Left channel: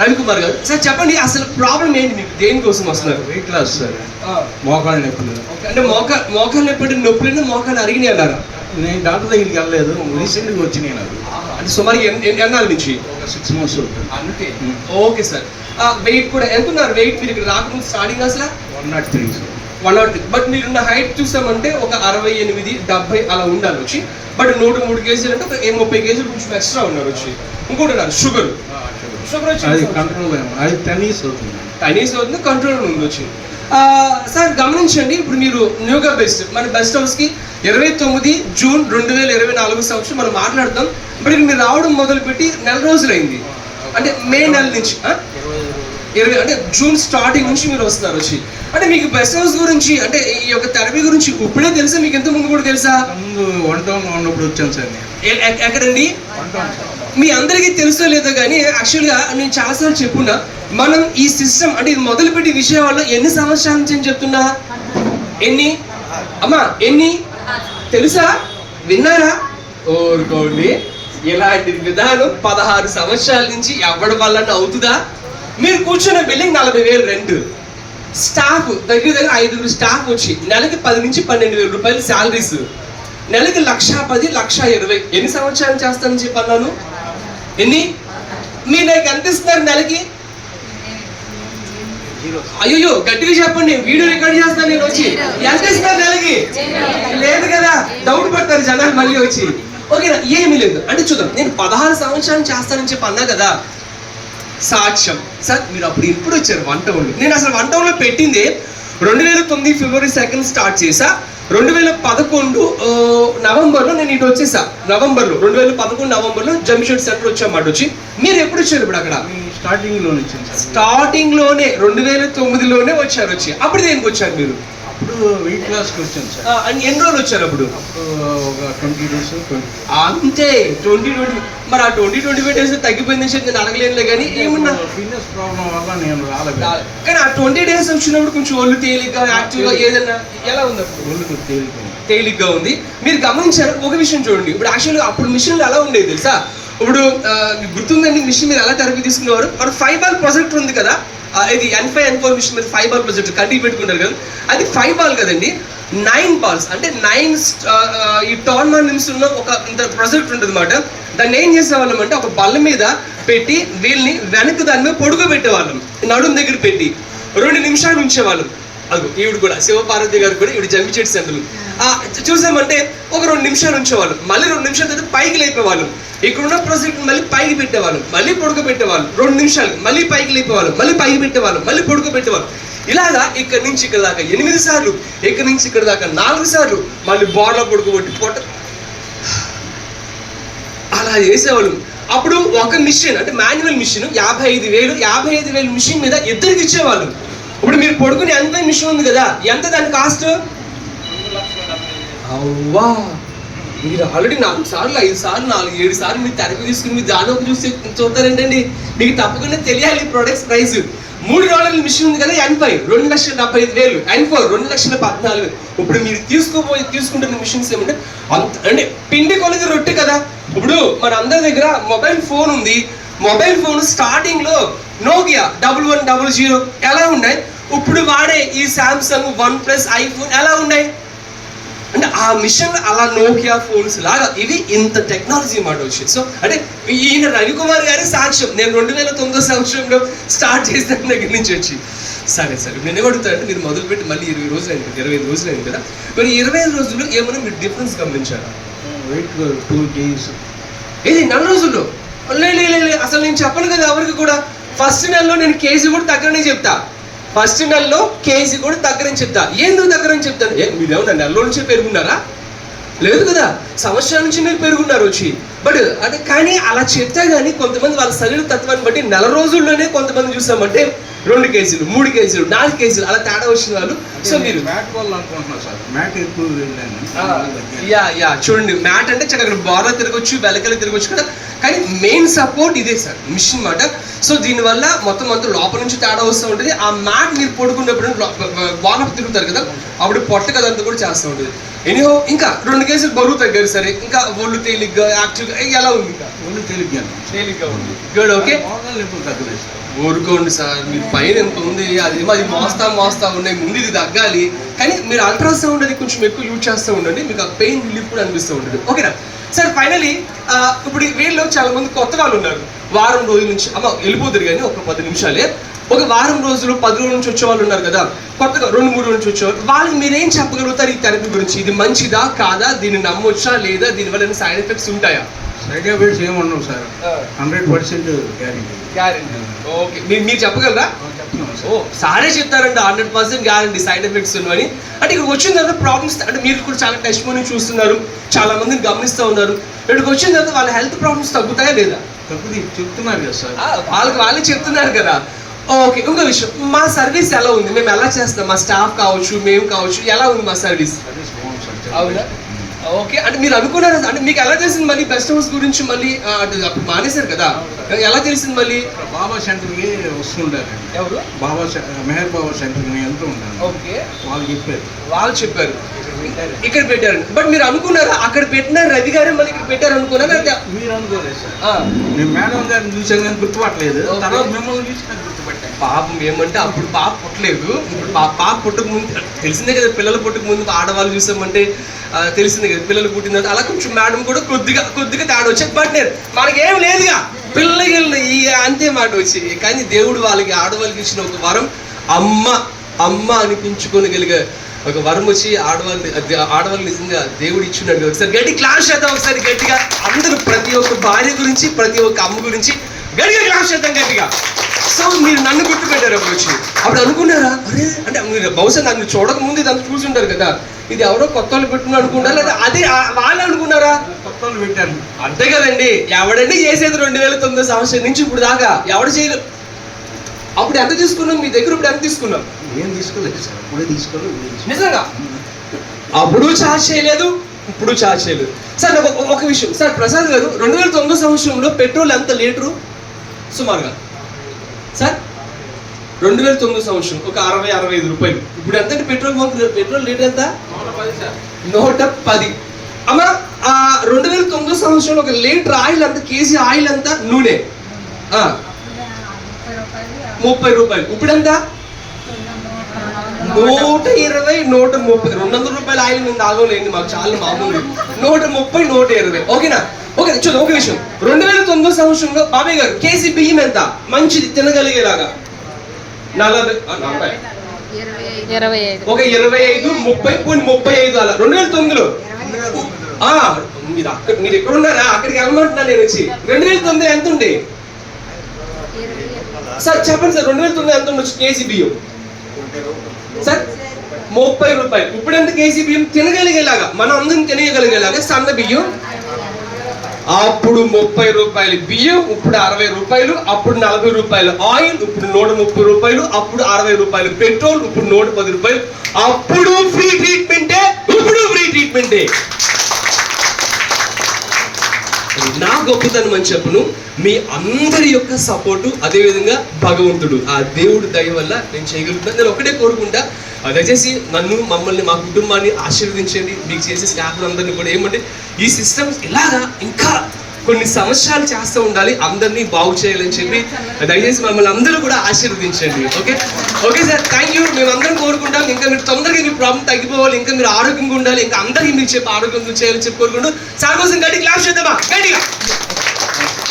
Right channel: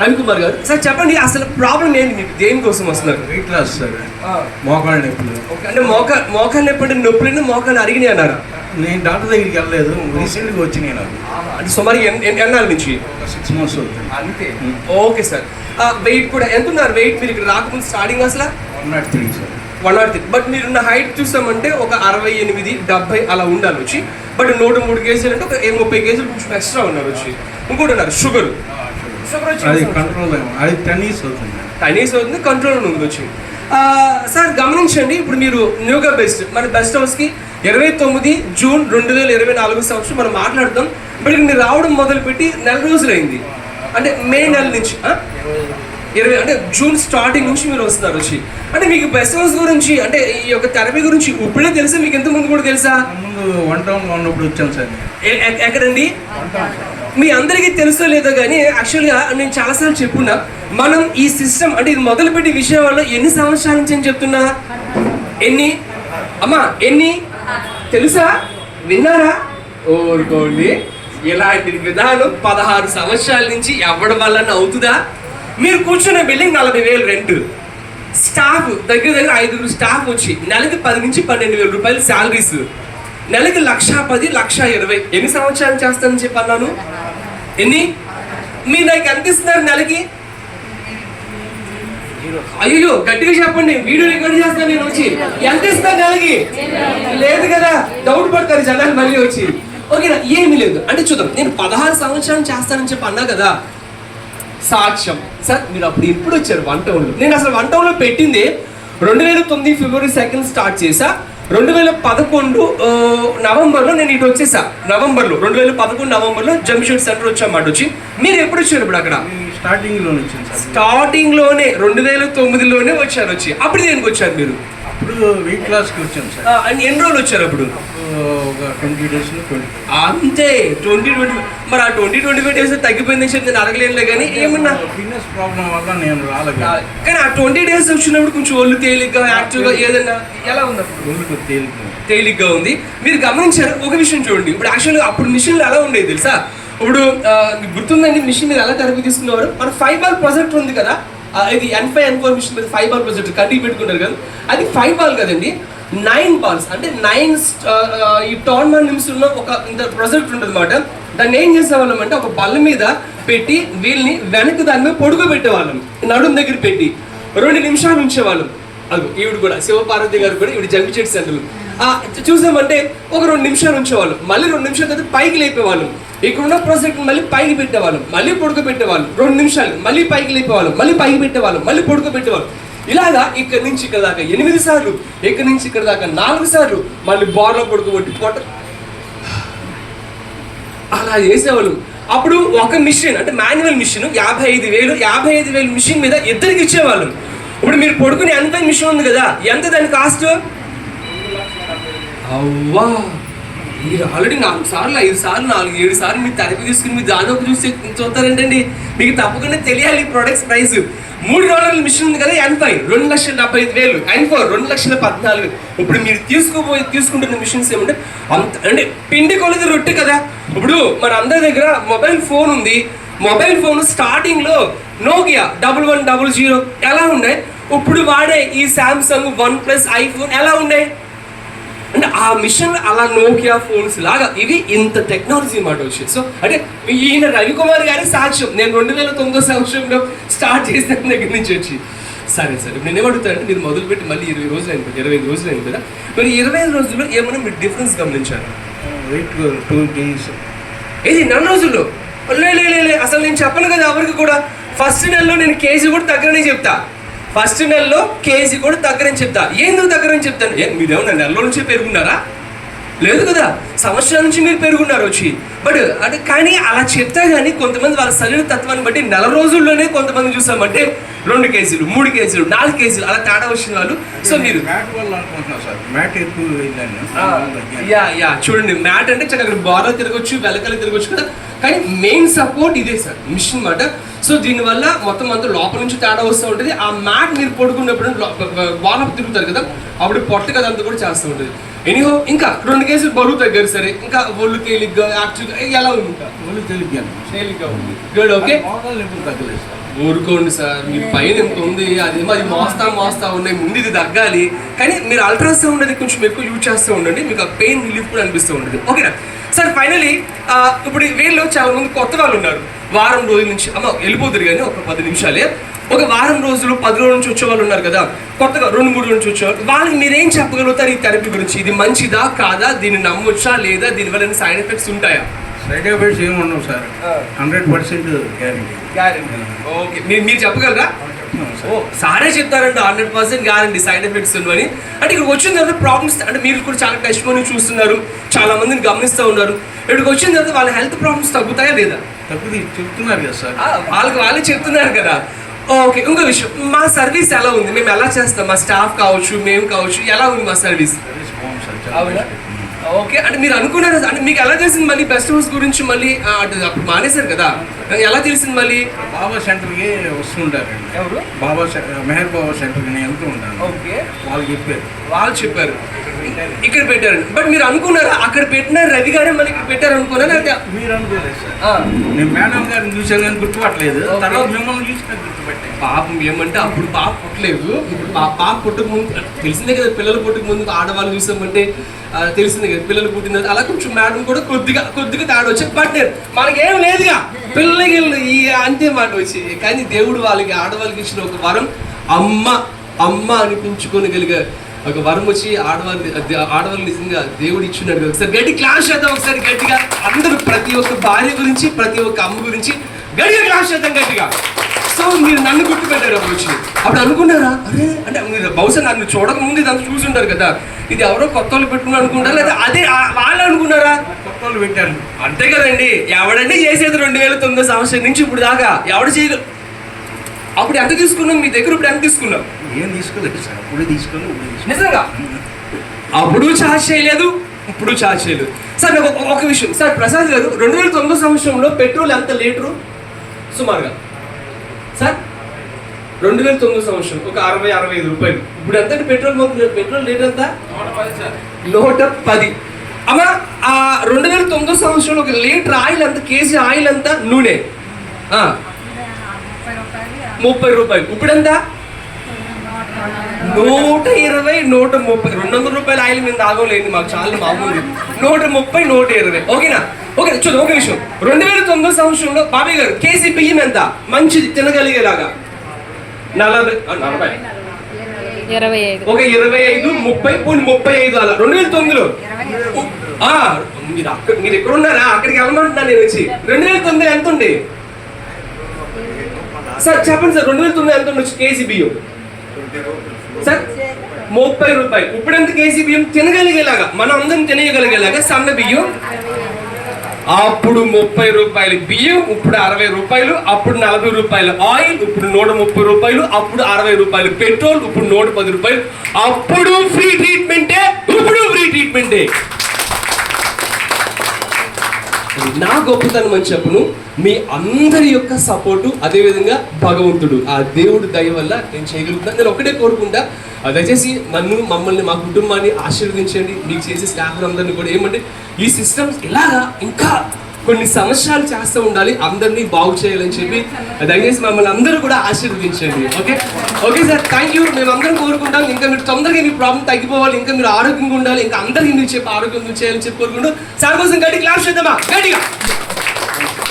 రవికుమార్ గారు సార్ చెప్పండి, అసలు ప్రాబ్లం ఏంటి మీకు? దేనికోసం వస్తున్నారు? వెయిట్ లాస్ సార్, మోకాళ్ళ నొప్పులు. అంటే మోకాళ్ళ నొప్పి నొప్పులు మోకాళ్ళు అరిగినాయి అన్నారా? నేను డాక్టర్ దగ్గరికి వెళ్ళలేదు, రీసెంట్గా వచ్చినాయి నాకు. అంటే సుమారు ఎన్నాళ్ళ నుంచి? ఒక 6 months అవుతుంది అంతే. Okay sir. వెయిట్ కూడా ఎంత ఉన్నారు? వెయిట్ మీరు ఇక్కడ రాకముందు స్టార్టింగ్ అసలు 103 సార్. 103. బట్ మీరున్న హైట్ చూసామంటే ఒక 68, 70 అలా ఉండాలి వచ్చి. బట్ 103 kg అంటే ఒక 30 kg కొంచెం ఎక్స్ట్రా ఉన్నారు వచ్చి. ఇంకోటి ఉన్నారు షుగర్ వచ్చి అది కంట్రోల్, అది 10 years అవుతుంది. 10 years అవుతుంది, కంట్రోల్ ఉంది వచ్చి. సార్ గమనించండి, ఇప్పుడు మీరు న్యూగా బెస్ట్ మన బెస్ట్ హౌస్కి 29 జూన్ 2024 సంవత్సరం మనం మాట్లాడతాం. బట్ మీరు రావడం మొదలుపెట్టి నెల రోజులైంది, అంటే మే నెల నుంచి 20 అంటే జూన్ స్టార్టింగ్ నుంచి మీరు వస్తున్నారు వచ్చి. అంటే మీకు బెస్ట్ హౌస్ గురించి అంటే ఈ యొక్క థెరపీ గురించి ఇప్పుడే తెలుసా, మీకు ఎంత ముందు కూడా తెలుసా? ముందు వన్ టౌన్ ఉన్నప్పుడు వచ్చాను సార్. ఎక్కడండి? మీ అందరికీ తెలుసో లేదో కానీ యాక్చువల్గా నేను చాలాసార్లు చెప్పున్నా, మనం ఈ సిస్టమ్ అంటే ఇది మొదలుపెట్టి విషయాల్లో ఎన్ని సంవత్సరాల నుంచి అని చెప్తున్నా? ఎన్ని అమ్మా ఎన్ని తెలుసా? విన్నారా? ఓరుకోండి, ఇలాంటి విధానం 16 సంవత్సరాల నుంచి ఎవరి వల్ల అవుతుందా? మీరు కూర్చున్న బిల్డింగ్ 40,000 రెంట్, స్టాఫ్ దగ్గర 5 స్టాఫ్ వచ్చి నెలకి 10 నుంచి 12,000 రూపాయలు శాలరీస్, నెలకి 1,10,000, 1,20,000. ఎన్ని సంవత్సరాలు చేస్తానని చెప్పన్నాను? ఎన్ని? మీరు నాకు ఎంత ఇస్తున్నారు నెలకి? అయ్యో గట్టిగా చెప్పండి, వీడియో రికార్డ్ చేస్తాను నేను వచ్చి. ఎంత ఇస్తున్నారు నెలకి? లేదు కదా, డౌట్ పడతారు జనాలు మళ్ళీ వచ్చి. ఓకేనా? ఏమీ లేదు అంటే చూద్దాం. నేను 16 సంవత్సరాలు చేస్తానని చెప్పి అన్నా కదా, సాక్ష్యం సార్. మీరు అప్పుడు ఇప్పుడు వచ్చారు వన్ టౌన్లో. నేను అసలు వన్ టౌన్లో పెట్టింది 2009 ఫిబ్రవరి 2 స్టార్ట్ చేసా. 2011 నవంబర్లో నేను ఇటు వచ్చేసా. 2011 నవంబర్లో జంషెడ్ సెంటర్ వచ్చామాట వచ్చి. మీరు ఎప్పుడు వచ్చారు ఇప్పుడు అక్కడ? స్టార్టింగ్లోనే 2009లోనే వచ్చారు వచ్చి. అప్పుడు దేనికి వచ్చారు మీరు? అప్పుడు వెయిట్ లాస్కి వచ్చాను సార్. అండ్ ఎన్ని రోజులు వచ్చారు అప్పుడు? ఒక 20 days. అంతే 20 మరి ఆ 25 days తగ్గిపోయిందని చెప్పి నేను అడగలేనులే కానీ ఏమన్నా ఫిట్నెస్ ప్రాబ్లం వల్ల నేను రాలేదు. కానీ ఆ 20 days వచ్చినప్పుడు కొంచెం ఒళ్ళు తేలిగ్గా యాక్టివ్గా ఏదైనా ఎలా ఉంది? అప్పుడు ఒళ్ళు తేలిగ్గా ఉంది. మీరు గమనించారు ఒక విషయం చూడండి, ఇప్పుడు యాక్చువల్గా అప్పుడు మిషన్లు ఎలా ఉండేది తెలుసా? ఇప్పుడు మీకు గుర్తుందండి మిషన్ మీద ఎలా థెరపీ తీసుకునేవారు? మన 5 ball ప్రొజెక్టర్ ఉంది కదా, ఇది N5 N4 మిషన్ మీద 5 ball ప్రొజెక్టర్ కంటికి పెట్టుకుంటారు కదా, అది 5 ball కదండి, 9 balls అంటే 9 ఈ టోర్నమెంట్ నిమిషం ఉన్న ఒక ఇంత ప్రొజెక్టర్ ఉంటుంది అనమాట. దాన్ని ఏం చేసేవాళ్ళం అంటే ఒక బల్ల మీద పెట్టి వీళ్ళని వెనక్కి దాని మీద పొడుకోబెట్టేవాళ్ళం, నడుము దగ్గర పెట్టి 2 నిమిషాలు ఉంచేవాళ్ళం. అది ఈవిడ కూడా శివపార్వతి గారు కూడా ఈవిడ జంపిచెట్టు సెంటర్ చూసామంటే ఒక 2 నిమిషాలు ఉంచేవాళ్ళం, మళ్ళీ 2 నిమిషాల తర్వాత పైకి లేపేవాళ్ళం. ఇక్కడ ఉన్న ప్రాజెక్ట్ మళ్ళీ పైకి పెట్టేవాళ్ళం, మళ్ళీ పొడుకోబెట్టేవాళ్ళం, 2 నిమిషాలు మళ్ళీ పైకి లేపేవాళ్ళం, మళ్ళీ పైకి పెట్టేవాళ్ళం, మళ్ళీ పొడుకోబెట్టేవాళ్ళం. ఇలాగా ఇక్కడ నుంచి ఇక్కడ దాకా 8 సార్లు, ఇక్కడ నుంచి ఇక్కడ దాకా 4 సార్లు, మళ్ళీ బార్లో పొడుకోబెట్టి పొట్ట అలా చేసేవాళ్ళం. అప్పుడు ఒక మిషన్ అంటే మాన్యువల్ మిషన్ 55,000 మిషన్ మీద ఇద్దరికి ఇచ్చేవాళ్ళం. ఇప్పుడు మీరు పడుకునే ఎంత మిషన్ ఉంది కదా, ఎంత దాని కాస్ట్? అవ్వా, మీరు ఆల్రెడీ 4 సార్లు 5 సార్లు 4 7 సార్లు మీరు థెరపీ తీసుకుని మీరు దానిలోకి చూస్తారేంటండి? మీకు తప్పకుండా తెలియాలి ప్రొడక్ట్స్ ప్రైస్. 3 డాలర్ల మిషన్ ఉంది కదా, N5 2,75,000, N4 2,14,000. ఇప్పుడు మీరు తీసుకుంటున్న మిషన్స్ ఏమంటే అంత అంటే పిండి కొలది రొట్టె కదా. ఇప్పుడు మన అందరి దగ్గర మొబైల్ ఫోన్ ఉంది, మొబైల్ ఫోన్ స్టార్టింగ్లో నోకియా 1100 ఎలా ఉన్నాయి, ఇప్పుడు వాడే ఈ శాంసంగ్ OnePlus ఐఫోన్ ఎలా ఉన్నాయి అంటే ఆ మిషన్ అలా నోకియా ఫోన్స్ లాగా ఇవి ఇంత టెక్నాలజీ మాట వచ్చి. సో అంటే ఈయన రవికుమార్ గారి సాక్ష్యం. నేను 2009 సంవత్సరంలో స్టార్ట్ చేసిన దగ్గర నుంచి వచ్చి. సరే సార్, నేను ఏమడుగుతానంటే మీరు మొదలుపెట్టి మళ్ళీ 20 రోజులు అయింది కదా, 25 రోజులు అయింది కదా, మరి 25 రోజుల్లో ఏమైనా మీరు డిఫరెన్స్ గమనించారా? 2 days. ఇది 4 రోజుల్లో లే అసలు నేను చెప్పను కదా ఎవరికి కూడా. ఫస్ట్ నెలలో నేను కేజీ కూడా తగ్గరనే చెప్తా, ఫస్ట్ నెలలో కేజీ కూడా తగ్గరని చెప్తా. ఎందుకు తగ్గరని చెప్తాను? మీరేమన్నా నెలలో నుంచి పెరుగున్నారా? లేదు కదా, సంవత్సరాల నుంచి మీరు పెరుగున్నారు వచ్చి. బట్ అంటే కానీ అలా చెప్తా కానీ కొంతమంది వాళ్ళ శరీర తత్వాన్ని బట్టి నెల రోజుల్లోనే కొంతమంది చూసామంటే 2 కేజీలు 3 కేజీలు 4 కేజీలు అలా తేడా వచ్చిన వాళ్ళు. సో మీరు చూడండి, మ్యాట్ అంటే చక్కగా బాగా తిరగొచ్చు, వెలకలు తిరగొచ్చు కదా, కానీ మెయిన్ సపోర్ట్ ఇదే సార్ మిషన్ మాట. సో దీనివల్ల మొత్తం అంతా లోపల నుంచి తేడా వస్తూ ఉంటుంది. ఆ మ్యాట్ మీరు పడుకున్నప్పుడు బాగా తిరుగుతారు కదా, అప్పుడు పొట్ట కదంతా కూడా చేస్తూ ఉంటుంది. ఎనీహో ఇంకా 2 కేసులు బరువు తగ్గారు సరే, ఇంకా ఒళ్ళు తేలిగ్గా యాక్టివ్గా ఎలా ఉంది? ఇంకా ఓన్లీ తెలియదు తేలిగ్గా ఉంది. గుడ్. ఓకే, మోకాలు ఎప్పుడు తగ్గలేదు సార్. ఊరుకోండి సార్, మీ పైన ఎంత ఉంది అది మాది మోస్తా ఉన్నాయి, ముందు ఇది తగ్గాలి. కానీ మీరు అల్ట్రాసౌండ్ అది కొంచెం ఎక్కువ యూజ్ చేస్తూ ఉండండి, మీకు ఆ పెయిన్ రిలీఫ్ కూడా అనిపిస్తూ ఉంటుంది. ఓకేనా సార్? ఫైనలీ ఇప్పుడు వీళ్ళు చాలా మంది కొత్త వాళ్ళు ఉన్నారు, వారం రోజుల నుంచి వెళ్ళిపోతారు కానీ ఒక 10 నిమిషాలే, ఒక వారం రోజులు 10 రోజుల నుంచి వచ్చే వాళ్ళు ఉన్నారు కదా, కొత్తగా 2-3 రోజుల నుంచి వచ్చేవాళ్ళు, వాళ్ళకి మీరేం చెప్పగలుగుతారు ఈ థెరపీ గురించి? ఇది మంచిదా కాదా, దీన్ని నమ్మొచ్చా లేదా, దీనివల్ల సైడ్ ఎఫెక్ట్స్ ఉంటాయా? సైడ్ ఎఫెక్ట్స్ ఏమి ఉండవు సార్, 100% గ్యారెంటీ. ఓకే, మీరు చెప్పగలరా? ఓ సారే చెప్తారండి 100% గ్యారంటీ సైడ్ ఎఫెక్ట్స్ ఉన్నవని. అంటే ఇక్కడికి వచ్చిన తర్వాత ప్రాబ్లమ్స్, అంటే మీరు కూడా చాలా కష్టమని చూస్తున్నారు, చాలా మందిని గమనిస్తూ ఉన్నారు, ఇక్కడికి వచ్చిన తర్వాత వాళ్ళ హెల్త్ ప్రాబ్లమ్స్ తగ్గుతాయా లేదా? తగ్గుది చెప్తున్నారు కదా సార్. వాళ్ళే చెప్తున్నారు కదా. ఓకే, ఇంకో విషయం, మా సర్వీస్ ఎలా ఉంది, మేము ఎలా చేస్తాం, మా స్టాఫ్ కావచ్చు మేము కావచ్చు, ఎలా ఉంది మా సర్వీస్? అవునా? ఓకే, అంటే మీరు అనుకున్నారా, అంటే మీకు ఎలా తెలిసింది మళ్ళీ బెస్ట్ హౌస్ గురించి? మళ్ళీ అప్పుడు మానేశారు కదా, ఎలా తెలిసింది మళ్ళీ? బాబా సెంటర్కి వస్తుంటారు. ఎవరు? మెహర్ బాబా సెంటర్కి నేను వెళ్తూ ఉంటాను. ఓకే, వాళ్ళు చెప్పారు ఇక్కడ పెట్టారు. బట్ మీరు అనుకున్నారా అక్కడ పెట్టిన రవి గారే మళ్ళీ ఇక్కడ పెట్టారు అనుకున్నారా? అంటే మీరు అనుకోలేదు సార్. నేను మేడం గారిని చూసాను కానీ గుర్తుపట్టలేదు, తర్వాత మిమ్మల్ని చూసి గుర్తుపట్టాను. పాపం ఏమంటే అప్పుడు పాప పుట్టలేదు, పాప పుట్టక ముందు తెలిసిందే కదా, పిల్లలు పుట్టక ముందు ఆడవాళ్ళు చూసామంటే తెలిసిందే కదా, పిల్లలు పుట్టిన తర్వాత అలా కొంచెం మేడం కూడా కొద్దిగా తేడా వచ్చాయి. బట్ మనకి ఏం లేదుగా, పిల్లలకి ఇక అంతే మాట వచ్చి. కానీ దేవుడు వాళ్ళకి ఆడవాళ్ళకి ఇచ్చిన ఒక వరం, అమ్మ అనిపించుకోగలిగే ఒక వరం వచ్చి ఆడవాళ్ళు నిజంగా దేవుడు ఇచ్చినట్టు. ఒకసారి గట్టి క్లాస్ చేద్దాం, ఒకసారి గట్టిగా అందరూ, ప్రతి ఒక్క భార్య గురించి, ప్రతి ఒక్క అమ్మ గురించి గట్టిగా క్లాస్ చేద్దాం గట్టిగా. సో మీరు నన్ను గుర్తుపెట్టారు అప్పుడు వచ్చి, అప్పుడు అనుకున్నారా అరే, అంటే మీరు బహుశా నన్ను చూడక ముందు ఇదంతా చూసుంటారు కదా, ఇది ఎవరో కొత్త వాళ్ళు పెట్టుకుని అనుకుంటారా, లేదా అదే వాళ్ళు అనుకున్నారా? కొత్త వాళ్ళు పెట్టారు అంతే కదండి. ఎవడండి చేసేది 2009 సంవత్సరం నుంచి ఇప్పుడు దాకా ఎవడు చేయగలరు? అప్పుడు ఎంత తీసుకున్నాం మీ దగ్గర, ఇప్పుడు ఎంత తీసుకున్నాం? ఏం తీసుకోలేదు సార్, అప్పుడే తీసుకోలేదు. నిజంగా అప్పుడు ఛార్జ్ చేయలేదు, ఇప్పుడు ఛార్జ్ చేయలేదు. సార్ నాకు ఒక విషయం సార్, ప్రసాద్ గారు 2009 సంవత్సరంలో పెట్రోల్ ఎంత లీటరు సుమారుగా సార్? 2009 సంవత్సరం ఒక 60-65 రూపాయలు. ఇప్పుడు ఎంత పెట్రోల్ లీటర్ ఎంత? 110. అమ్మా 2009 సంవత్సరంలో ఒక లీటర్ ఆయిల్ ఎంత, కేజీ ఆయిల్ ఎంత, నూనె 30 రూపాయలు. ఇప్పుడు ఎంత? 120, 130. 200 రూపాయల ఆయిల్ మేము తాగలేండి, మాకు చాలా మామూలు. 130, 120. ఓకేనా? ఓకే చూద్దాం ఒక విషయం, 2009 సంవత్సరంలో బాబాయ్ గారు కేజీ బియ్యం ఎంత మంచిది తినగలిగేలాగా? 40, 25. ఒక 25, 30, 35 అలా 2009లో. మీరు ఎక్కడ ఉన్నారా, అక్కడికి వెళ్ళమంటున్నా నేను వచ్చి. 2009 ఎంత ఉంది సార్ చెప్పండి సార్? 2009 ఎంత ఉండొచ్చు కేజీ బియ్యం సార్? 30 రూపాయలు. ఇప్పుడు ఎంత కేజీ బియ్యం తినగలిగేలాగా, మనం అందరం తినగలిగేలాగా సన్న బియ్యం? అప్పుడు 30 రూపాయలు బియ్యం, ఇప్పుడు 60 రూపాయలు, అప్పుడు 40 రూపాయలు ఆయిల్, ఇప్పుడు 130 రూపాయలు, అప్పుడు 60 రూపాయలు పెట్రోల్, ఇప్పుడు 110 రూపాయలు. అప్పుడు ఫ్రీ ట్రీట్మెంటే, ఇప్పుడు ఫ్రీ ట్రీట్మెంటే. నా గొప్పతనం అని చెప్పను, మీ అందరి యొక్క సపోర్టు, అదేవిధంగా భగవంతుడు ఆ దేవుడు దయ వల్ల నేను చేయగలుగుతాను. నేను ఒకటే కోరుకుంటా, దయచేసి మమ్మల్ని మా కుటుంబాన్ని ఆశీర్వదించండి. మీకు చేసే స్టాఫ్ అందరినీ కూడా ఏమంటే ఈ సిస్టమ్స్ ఇలాగా ఇంకా కొన్ని సంవత్సరాలు చేస్తూ ఉండాలి, అందరినీ బాగు చేయాలని చెప్పి దయచేసి మమ్మల్ని అందరూ కూడా ఆశీర్వదించండి. Okay sir, thank you. మేము అందరం కోరుకుంటాం ఇంకా మీరు తొందరగా మీ ప్రాబ్లం తగ్గిపోవాలి, ఇంకా మీరు ఆరోగ్యంగా ఉండాలి, ఇంకా అందరికీ మీరు చెప్పి ఆరోగ్యంగా చేయాలని చెప్పి కోరుకుంటూ సార్ కోసం గట్టి క్లాస్ చేద్దామా గట్టిగా.